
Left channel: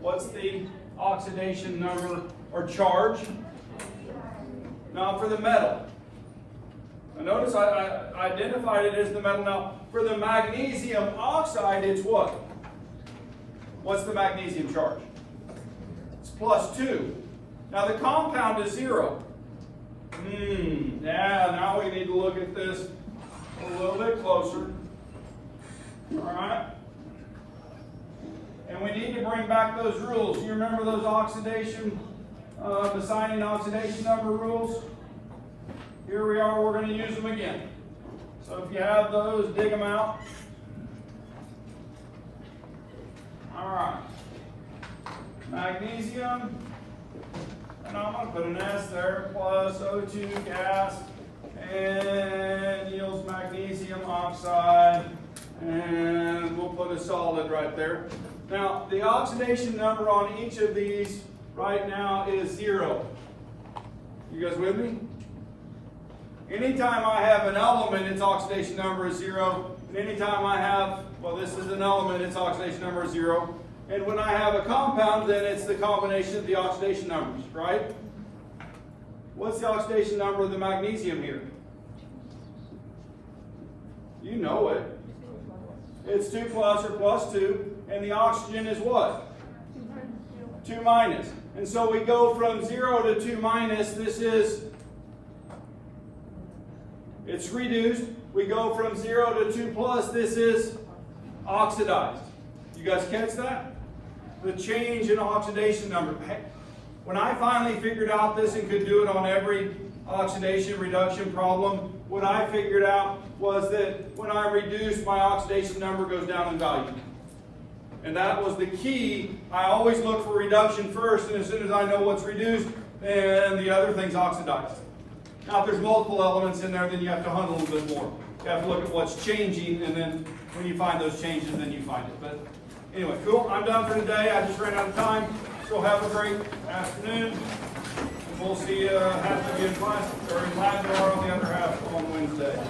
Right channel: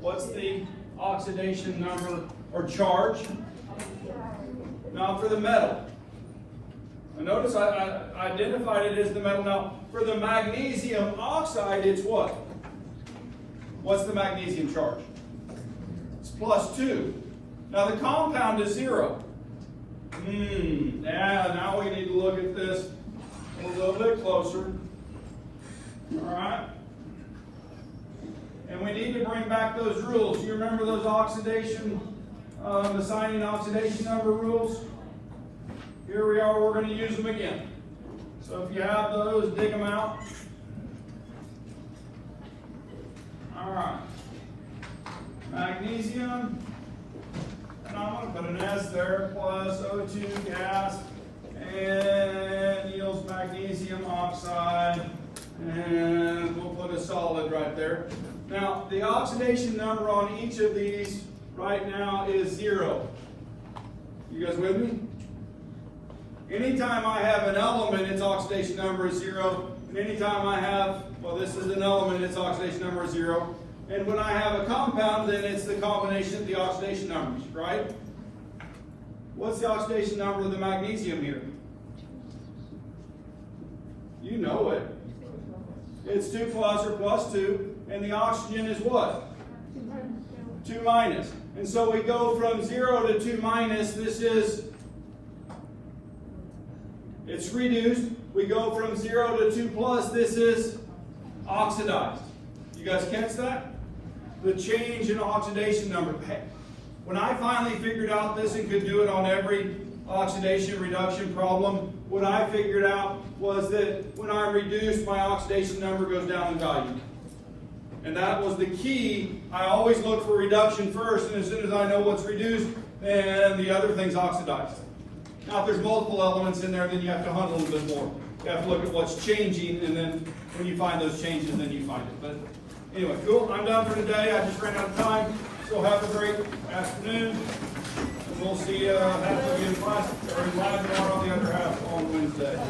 What's the oxidation number or charge? Now for the metal. Now notice I identified it as the metal. Now for the magnesium oxide, it's what? What's the magnesium charge? It's +2. Now the compound is 0. Now we need to look at this a little bit closer. All right. And we need to bring back those rules. You remember those oxidation, designing oxidation number rules? Here we are, we're going to use them again. So if you have those, dig them out. All right. Magnesium, and I'm going to put an S there, plus O2 gas, and yields magnesium oxide, and we'll put a solid right there. Now, the oxidation number on each of these right now is 0. You guys with me? Anytime I have an element, its oxidation number is 0. And anytime I have, well, this is an element, its oxidation number is 0. And when I have a compound, then it's the combination of the oxidation numbers, right? What's the oxidation number of the magnesium here? You know it. It's 2 plus or +2. And the oxygen is what? 2 minus. And so we go from 0 to 2 minus. This is, it's reduced. We go from 0 to 2 plus. This is oxidized. You guys catch that? The change in oxidation number. When I finally figured out this and could do it on every oxidation reduction problem, what I figured out was that when I reduce, my oxidation number goes down in value. And that was the key. I always look for reduction first, and as soon as I know what's reduced, then the other thing's oxidized. Now, if there's multiple elements in there, then you have to hunt a little bit more. You have to look at what's changing, and then when you find those changes, then you find it. But anyway, cool. I'm done for today. I just ran out of time. So have a great afternoon. We'll see you half of you in class, or in lab, or on the other half on Wednesday.